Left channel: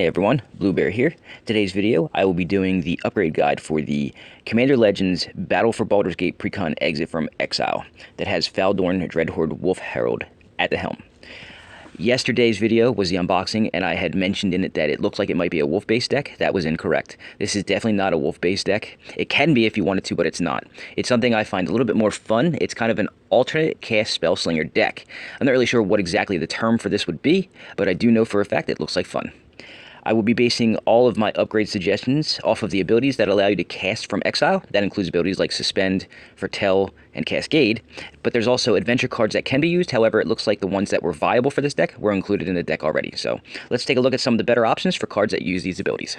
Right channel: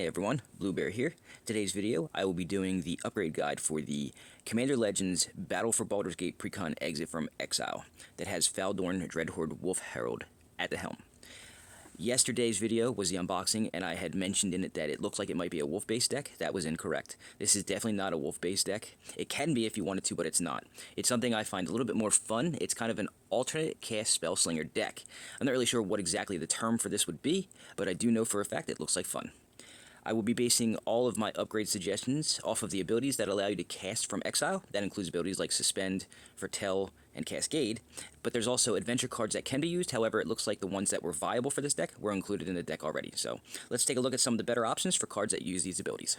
Hey everyone, Bluebear here. Today's video, I will be doing the upgrade guide for the Commander Legends Battle for Baldur's Gate precon exit from Exile that has Baldur Dreadhorde Wolf Herald at the helm. Yesterday's video was the unboxing, and I had mentioned in it that it looks like it might be a wolf-based deck. That was incorrect. This is definitely not a wolf-based deck. It can be if you wanted to, but it's not. It's something I find a little bit more fun. It's kind of an alternate cast spellslinger deck. I'm not really sure what exactly the term for this would be, but I do know for a fact it looks like fun. I will be basing all of my upgrade suggestions off of the abilities that allow you to cast from Exile. That includes abilities like Suspend, Foretell, and Cascade. But there's also adventure cards that can be used. However, it looks like the ones that were viable for this deck were included in the deck already. So let's take a look at some of the better options for cards that use these abilities.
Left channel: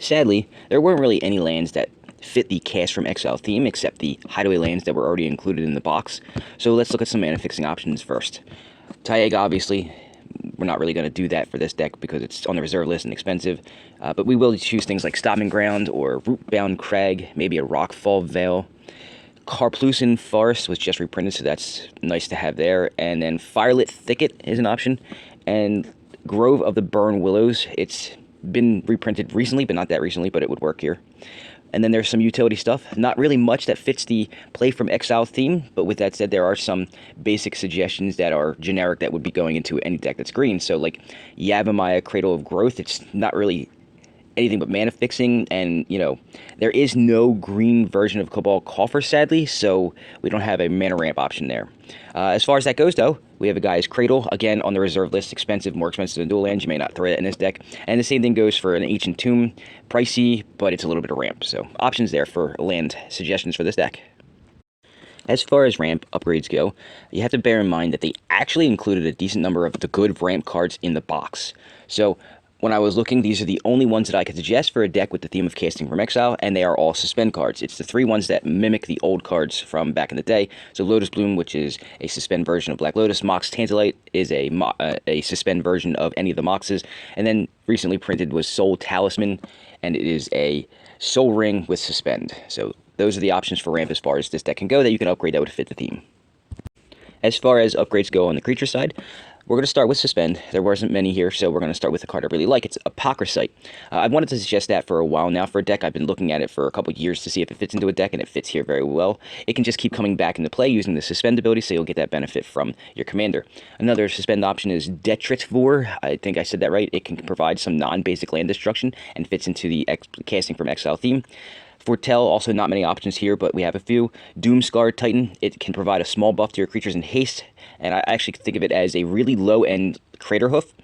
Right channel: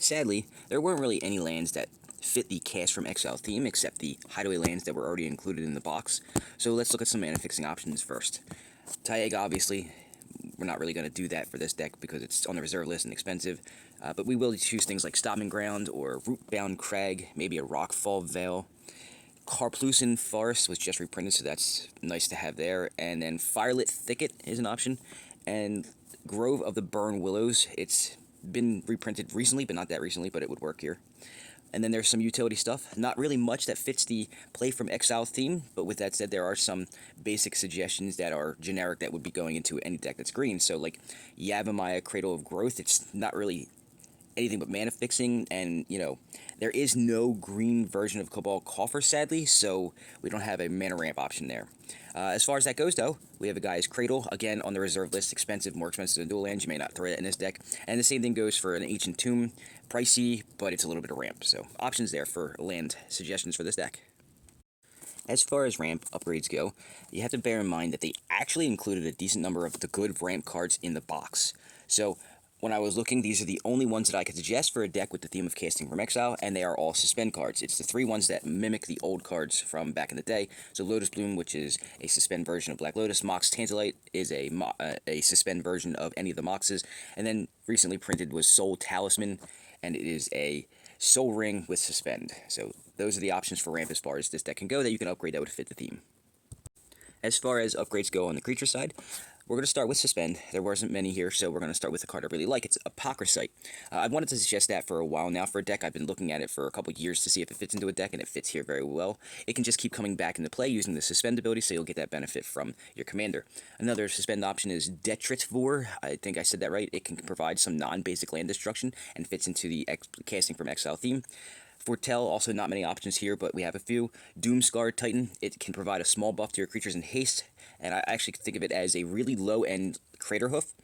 Sadly, there weren't really any lands that fit the Cast from Exile theme except the Hideaway lands that were already included in the box. So let's look at some mana fixing options first. Taiga, obviously. We're not really going to do that for this deck because it's on the reserve list and expensive, but we will choose things like Stomping Ground or Rootbound Crag, maybe a Rockfall Veil. Karplusan Forest was just reprinted, so that's nice to have there. And then Firelit Thicket is an option, and Grove of the Burn Willows. It's been reprinted recently, but not that recently, but it would work here. And then there's some utility stuff. Not really much that fits the Play from Exile theme, but with that said, there are some basic suggestions that are generic that would be going into any deck that's green. So like Yavimaya, Cradle of Growth, it's not really anything but mana fixing, and there is no green version of Cabal Coffer, sadly, so we don't have a mana ramp option there. As far as that goes, though, we have a guy's Cradle, again, on the reserve list, expensive, more expensive than dual lands. You may not throw it in this deck. And the same thing goes for an Ancient Tomb. Pricey, but it's a little bit of ramp. So options there for land suggestions for this deck. As far as ramp upgrades go, you have to bear in mind that they actually included a decent number of the good ramp cards in the box. So when I was looking, these are the only ones that I could suggest for a deck with the theme of casting from Exile, and they are all Suspend cards. It's the three ones that mimic the old cards from back in the day. So Lotus Bloom, which is a Suspend version of Black Lotus. Mox Tantalite is a Suspend version of any of the Moxes. And then recently printed was Soul Talisman, and it is a Soul Ring with Suspend. So those are the options for ramp as far as this deck can go that you can upgrade that would fit the theme. As far as upgrades go on the creature side, we're going to start with Suspend. There wasn't many here, so we're going to start with a card I really like. It's Apocryphite. I've wanted to suggest that for a while now for a deck. I've been looking at it for a couple years to see if it fits into a deck, and it fits here very well. It can just keep coming back into play using the Suspend ability, so you'll get that benefit from your commander. Another Suspend option is Detritvor. I think I said that right. It can provide some non-basic land destruction and fits into the casting from Exile theme. Foretell, also not many options here, but we have a few. Doomscar Titan, it can provide a small buff to your creatures in haste, and I actually think of it as a really low-end Crater Hoof,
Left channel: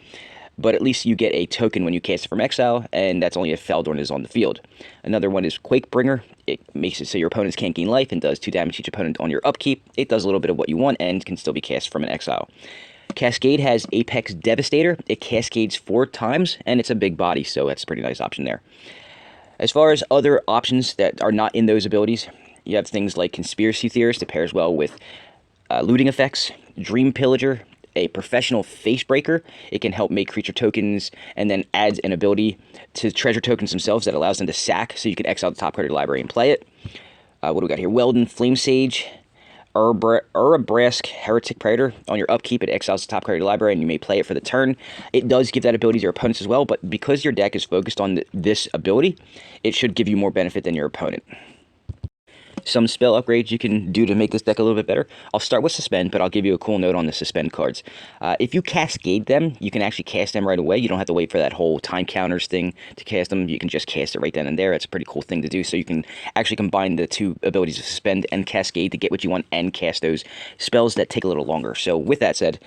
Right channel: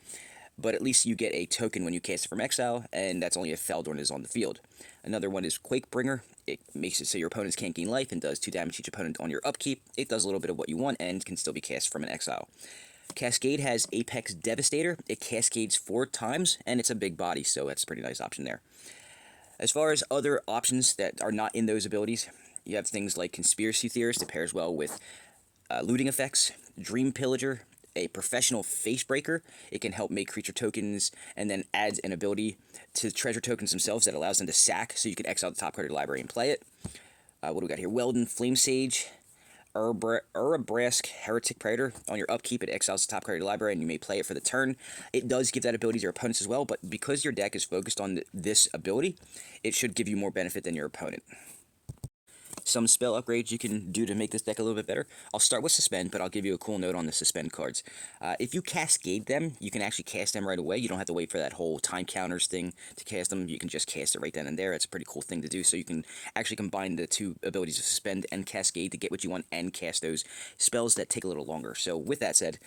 but at least you get a token when you cast it from Exile, and that's only if Baldur is on the field. Another one is Quakebringer. It makes it so your opponents can't gain life and does 2 damage each opponent on your upkeep. It does a little bit of what you want and can still be cast from an Exile. Cascade has Apex Devastator. It cascades 4 times, and it's a big body, so that's a pretty nice option there. As far as other options that are not in those abilities, you have things like Conspiracy Theorist. It pairs well with looting effects, Dream Pillager, a Professional Facebreaker. It can help make creature tokens and then adds an ability to treasure tokens themselves that allows them to sack, so you can exile the top card of your library and play it. What do we got here? Weldon, Flame Sage, Urabrask, Heretic Predator. On your upkeep, it exiles the top card of your library, and you may play it for the turn. It does give that ability to your opponents as well, but because your deck is focused on this ability, it should give you more benefit than your opponent. Some spell upgrades you can do to make this deck a little bit better. I'll start with Suspend, but I'll give you a cool note on the Suspend cards. If you Cascade them, you can actually cast them right away. You don't have to wait for that whole time counters thing to cast them. You can just cast it right then and there. It's a pretty cool thing to do. So you can actually combine the two abilities of Suspend and Cascade to get what you want and cast those spells that take a little longer. So with that said,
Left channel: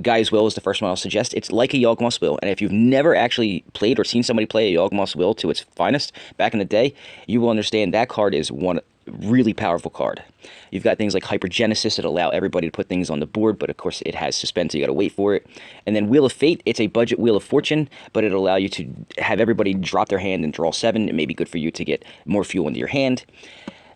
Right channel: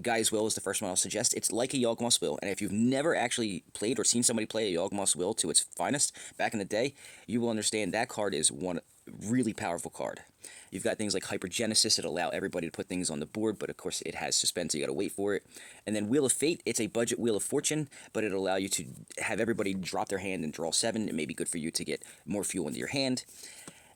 Guy's Will is the first one I'll suggest. It's like a Yawgmoth's Will, and if you've never actually played or seen somebody play a Yawgmoth's Will to its finest back in the day, you will understand that card is one really powerful card. You've got things like Hypergenesis that allow everybody to put things on the board, but of course it has Suspend, so you gotta wait for it. And then Wheel of Fate, it's a budget Wheel of Fortune, but it'll allow you to have everybody drop their hand and draw 7. It may be good for you to get more fuel into your hand.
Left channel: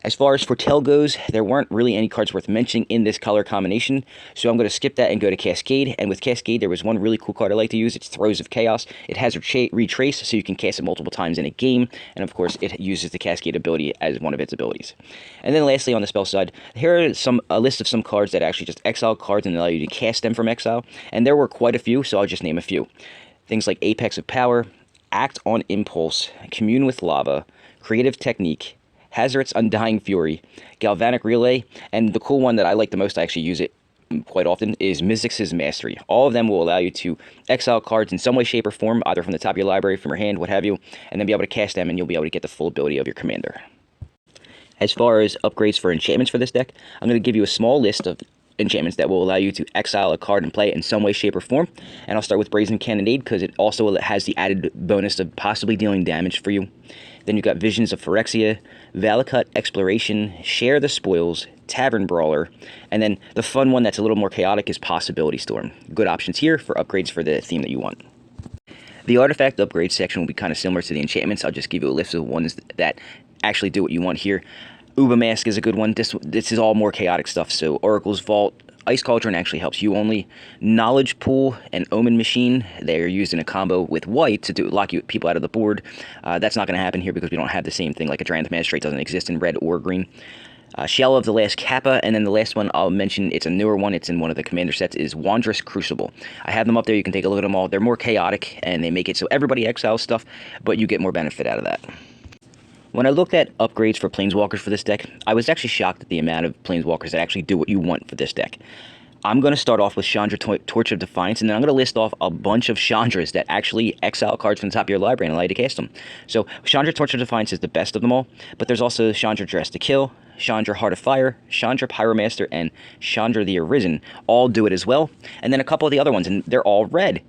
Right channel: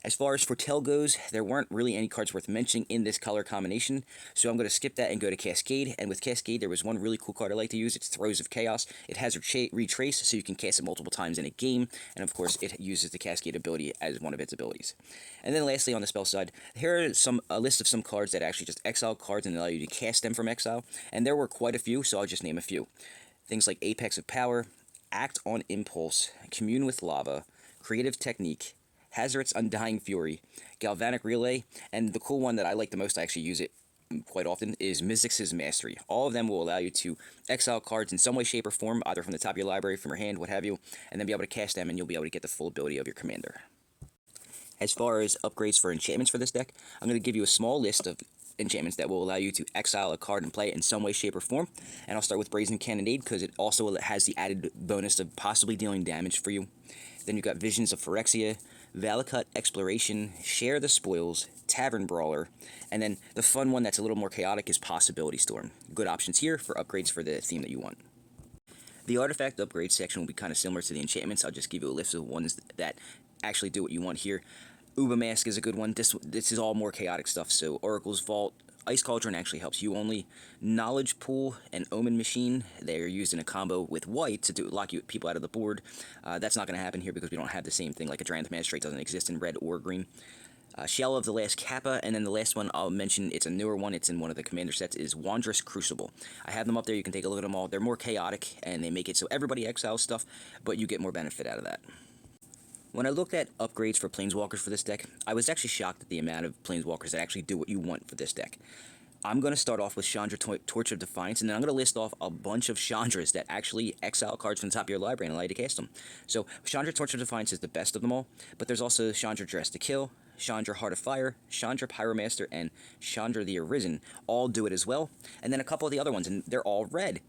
As far as Foretell goes, there weren't really any cards worth mentioning in this color combination, so I'm going to skip that and go to Cascade. And with Cascade, there was one really cool card I like to use. It's Throes of Chaos. It has Retrace, so you can cast it multiple times in a game, and of course, it uses the Cascade ability as one of its abilities. And then lastly, on the spell side, here are a list of some cards that are actually just exile cards and allow you to cast them from exile, and there were quite a few, so I'll just name a few. Things like Apex of Power, Act on Impulse, Commune with Lava, Creative Technique, Hazard's Undying Fury, Galvanic Relay, and the cool one that I like the most, I actually use it quite often, is Mizzix's Mastery. All of them will allow you to exile cards in some way, shape, or form, either from the top of your library, from your hand, what have you, and then be able to cast them, and you'll be able to get the full ability of your commander. As far as upgrades for enchantments for this deck, I'm going to give you a small list of enchantments that will allow you to exile a card and play it in some way, shape, or form. And I'll start with Brazen Cannonade because it also has the added bonus of possibly dealing damage for you. Then you've got Visions of Phyrexia, Valakut Exploration, Share the Spoils, Tavern Brawler, and then the fun one that's a little more chaotic is Possibility Storm. Good options here for upgrades for the theme that you want. The artifact upgrade section will be kind of similar to the enchantments. I'll just give you a list of ones that actually do what you want here. Uba Mask is a good one. This is all more chaotic stuff, so Oracle's Vault, Ice Cauldron actually helps you only. Knowledge Pool and Omen Machine, they're used in a combo with white to lock you people out of the board. That's not going to happen here because we don't have the same thing, like a Drannith Magistrate doesn't exist in red or green. Shell of the Last Kappa, and then the last one I'll mention, it's a newer one, it's in one of the commander sets, is Wondrous Crucible. I have them up there, you can take a look at them all. They're more chaotic, and they make it so everybody exiles stuff, but you get more benefit out of that. When I looked at upgrades for planeswalkers for this deck, I was actually shocked at the amount of planeswalkers that actually do what you want for this deck. I'm going to start off with Chandra Torch of Defiance, and then I'm going to list off a bunch of Chandras that actually exile cards from the top of your library and allow you to cast them. So Chandra Torch of Defiance is the best of them all, but there's also Chandra Dress to Kill, Chandra Heart of Fire, Chandra Pyromaster, and Chandra the Arisen. All do it as well. And then a couple of the other ones, and they're all red.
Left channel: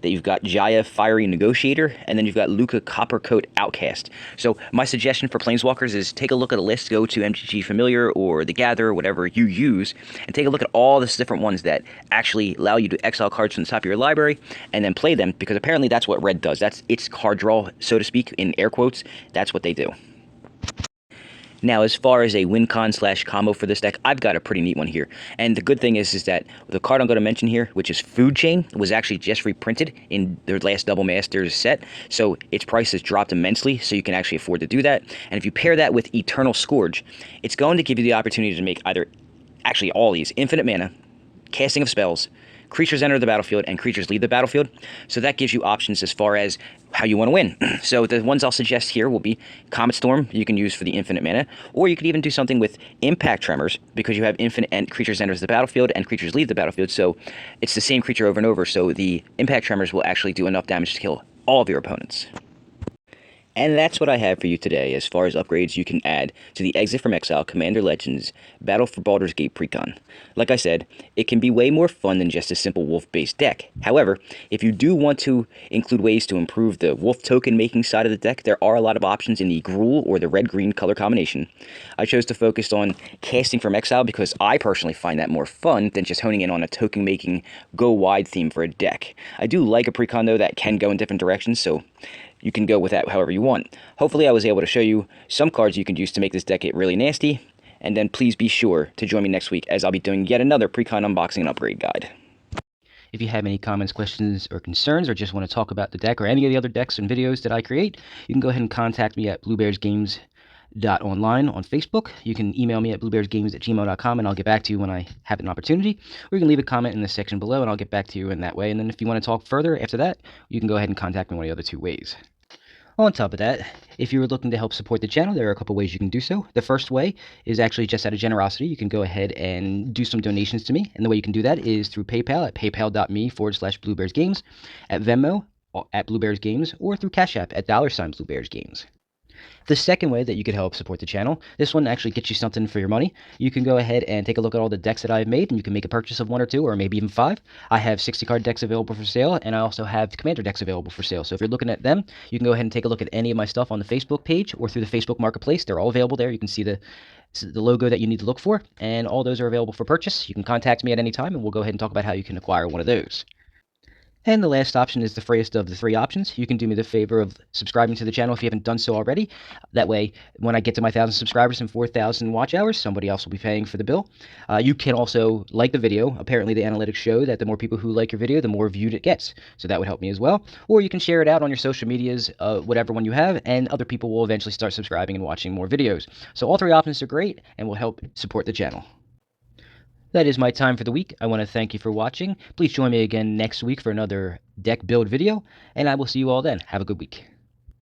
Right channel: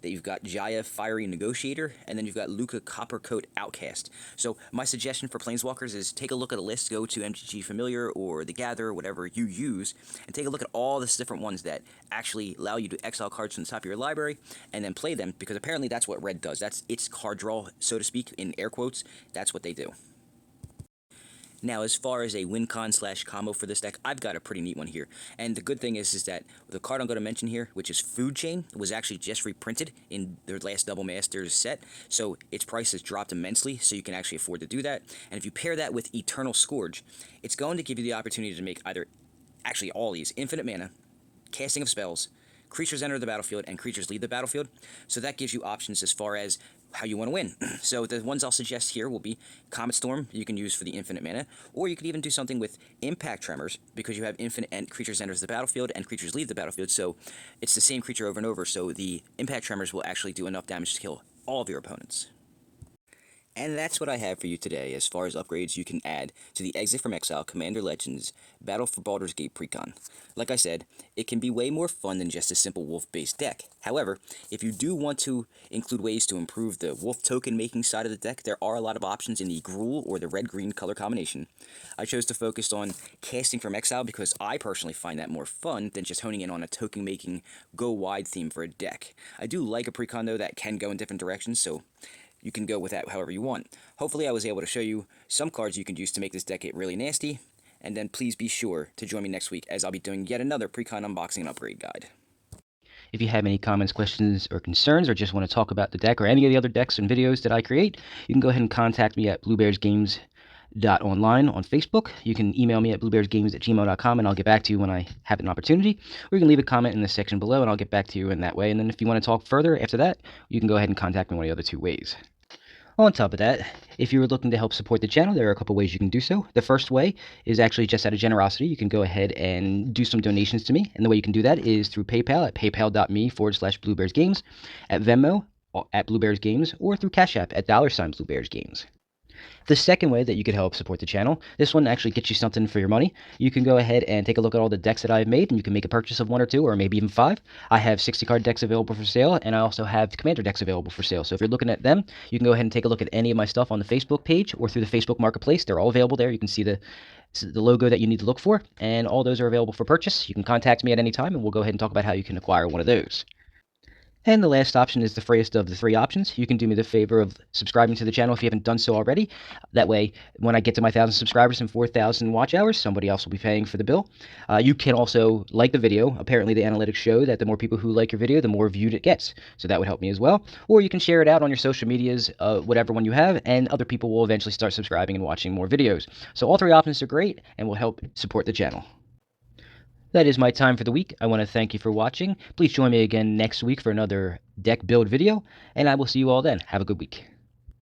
That you've got Jaya Fiery Negotiator, and then you've got Luca Coppercoat Outcast. So my suggestion for Planeswalkers is take a look at a list, go to MTG Familiar or The Gatherer, whatever you use, and take a look at all the different ones that actually allow you to exile cards from the top of your library, and then play them, because apparently that's what red does. That's its card draw, so to speak, in air quotes. That's what they do. Now, as far as a win-con/combo for this deck, I've got a pretty neat one here. And the good thing is that the card I'm going to mention here, which is Food Chain, was actually just reprinted in their last Double Masters set. So its price has dropped immensely, so you can actually afford to do that. And if you pair that with Eternal Scourge, it's going to give you the opportunity to make actually all these, infinite mana, casting of spells, creatures enter the battlefield, and creatures leave the battlefield. So that gives you options as far as how you want to win. So the ones I'll suggest here will be Comet Storm, you can use for the infinite mana, or you could even do something with Impact Tremors, because you have infinite creatures enters the battlefield and creatures leave the battlefield, so it's the same creature over and over, so the Impact Tremors will actually do enough damage to kill all of your opponents. And that's what I have for you today as far as upgrades you can add to the Exit from Exile Commander Legends Battle for Baldur's Gate precon. Like I said, it can be way more fun than just a simple wolf-based deck. However, if you do want to include ways to improve the wolf token making side of the deck, there are a lot of options in the Gruul or the red-green color combination. I chose to focus on casting from Exile because I personally find that more fun than just honing in on a token making go-wide theme for a deck. I do like a precon though that can go in different directions, so you can go with that however you want. Hopefully I was able to show you some cards you can use to make this deck get really nasty, and then please be sure to join me next week as I'll be doing yet another precon unboxing and upgrade guide. If you have any comments, questions, or concerns, or just want to talk about the deck or any of the other decks and videos that I create, you can go ahead and contact me at bluebearsgames.online on Facebook. You can email me at bluebearsgames@gmail.com, and I'll get back to you when I have an opportunity. Or you can leave a comment in the section below, and I'll get back to you in that way. And then if you want to talk further after that, you can go ahead and contact me one of the other two ways. On top of that, if you're looking to help support the channel, there are a couple ways you can do so. The first way is actually just out of generosity. You can go ahead and do some donations to me. And the way you can do that is through PayPal at paypal.me/bluebearsgames, at Venmo at bluebearsgames, or through Cash App at $bluebearsgames. The second way that you could help support the channel, this one actually gets you something for your money. You can go ahead and take a look at all the decks that I've made, and you can make a purchase of 1 or 2, or maybe even 5. I have 60-card decks available for sale, and I also have Commander decks available for sale. So if you're looking at them, you can go ahead and take a look at any of my stuff on the Facebook page or through the Facebook Marketplace. They're all available there. You can see the logo that you need to look for, and all those are available for purchase. You can contact me at any time, and we'll go ahead and talk about how you can acquire one of those. And the last option is the freest of the 3 options. You can do me the favor of subscribing to the channel if you haven't done so already. That way, when I get to my 1,000 subscribers and 4,000 watch hours, somebody else will be paying for the bill. You can also like the video. Apparently, the analytics show that the more people who like your video, the more viewed it gets. So that would help me as well. Or you can share it out on your social medias, whatever one you have, and other people will eventually start subscribing and watching more videos. So all 3 options are great and will help support the channel. That is my time for the week. I want to thank you for watching. Please join me again next week for another deck build video, and I will see you all then. Have a good week.